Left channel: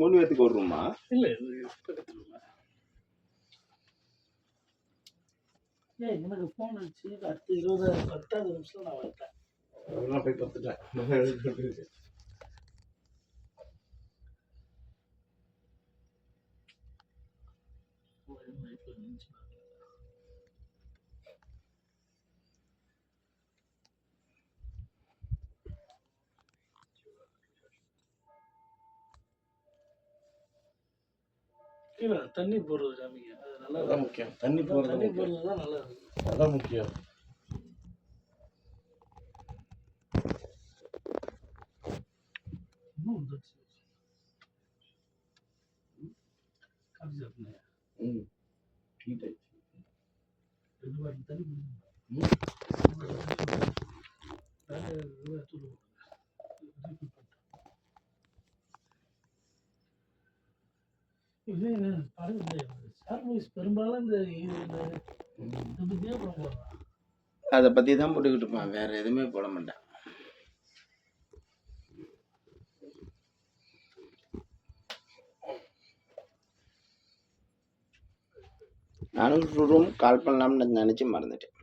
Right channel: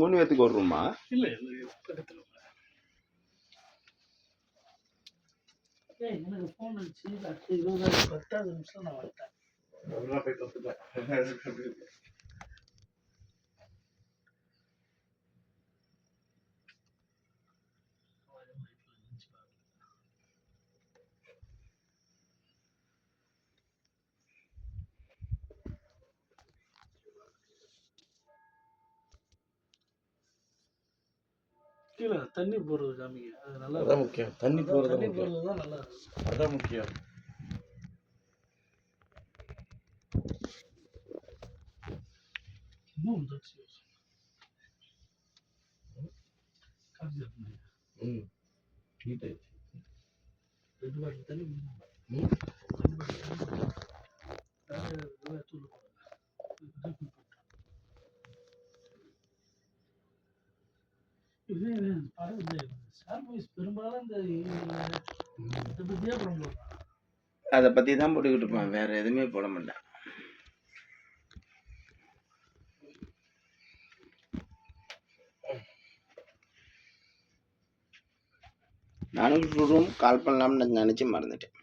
3 பேத்துக்கு ஒரு ரூமா? இல்ல பக்கத்துல எனக்கு ஃபோன் அடிச்சு அடுத்து 10வது நிமிஷம் நான் வந்துட்டேன். அதெல்லாம் போய் பார்த்துட்டேன். கீழே தண்ணி போடுறது காமிங்க. அது நல்லா அதான் முக்கியம். தண்ணி போடுறது தான் நல்லா இருக்கு. அதான் முக்கியம். பெரும்பாலும் அதை பத்தி தான் போட்டுக்கிட்டு இருப்பான், வேற எதுவுமே போட மாட்டேன். நானும் ரூம் கால் பண்ணலாம்னு நினைச்சு மறந்துட்டேன்.